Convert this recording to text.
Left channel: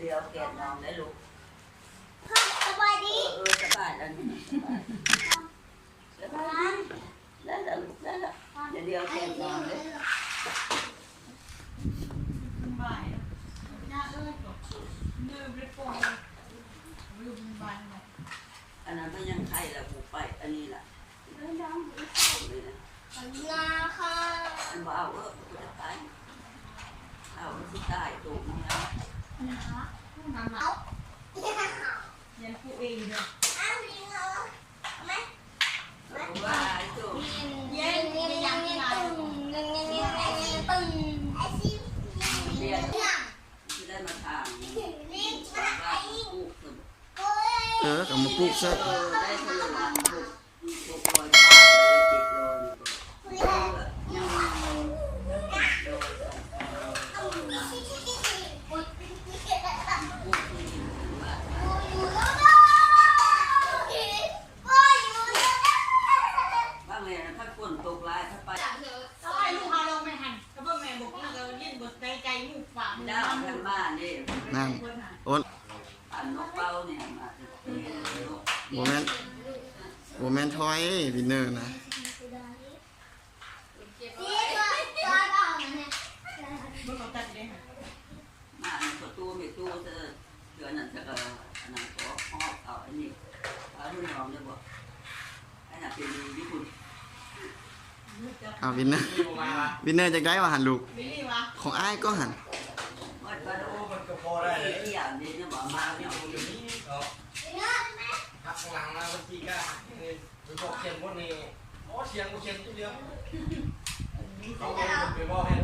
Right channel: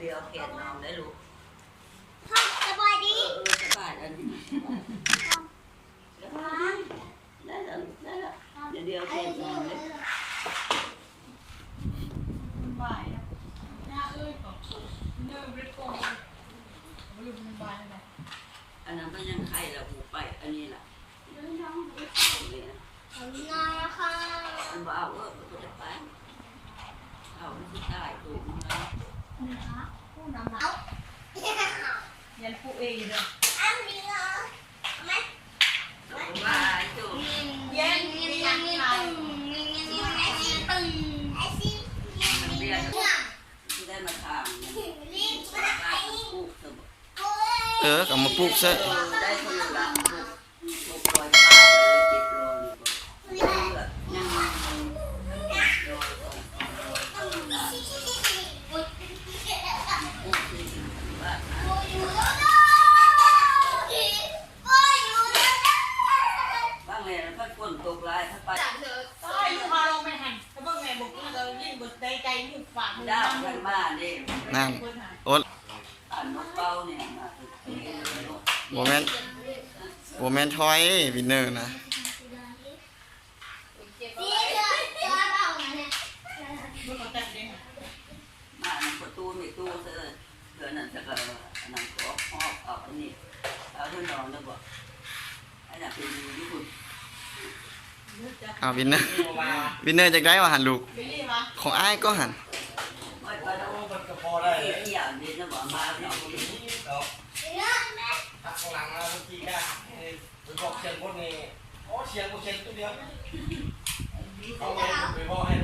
เดี๋ยวแกะน้องได้ลูกสบายดีสบายแล้วนี่แล้วได้แล้วได้แล้วเดี๋ยวแกะน้องได้มันบ่ายนะหน้าเอ้ยแบบยืมริบโป้งยืมบ่ายเลย อันนั้นก็ยังไข่ละหูไปอันนี้ล่ะนาค่ะมันบ่เอาก็จะตายเอาที่ตายถูกนะนะคะมาเอายันผู้เองเนี่ยอันนี้เหรอไหมว่าถูกเงี้ยเงี้ยเงี้ยเงี้ยตึงเงี้ยเงี้ยเงี้ยเงี้ยตึงไอ้สิเรียนได้มาทางกับมาปลูกซะได้คนละลูกปล่อยปลาเลยติดโลนี่บางเลยนะพัดฝนตกลายพัดไปใช่ลูกพาลงไปหันแล้วเมื่อแม่บอกเรายิ่งบดใจใจมุกฝาก ดาวทางบ้านนี่ นั่นโอ๊ต อ่านนกเป้าเนี่ยมาโมเมนต์ทอยวินเนอร์นะเมื่อก่อนจัดเลยค่ะมาประตูไม่ตู้เดือนนั้นจะก็นั่งก็หอบเอาอันนี้เอาที่นอนแล้วบอกไอ้น่ะเป็นญี่ปุ่นวินเนอร์จากได้มาหันลูก ไม่รีบวะของอ้ายก็หันว่าก็มันก็พอได้ที่อย่างนี้นะบอกมาเนี่ยหักหลังนะเมื่อกี้ก็ไปบอกเชียงคนนี้อ๋อเชียงตัวเดียวเขาไปบอกให้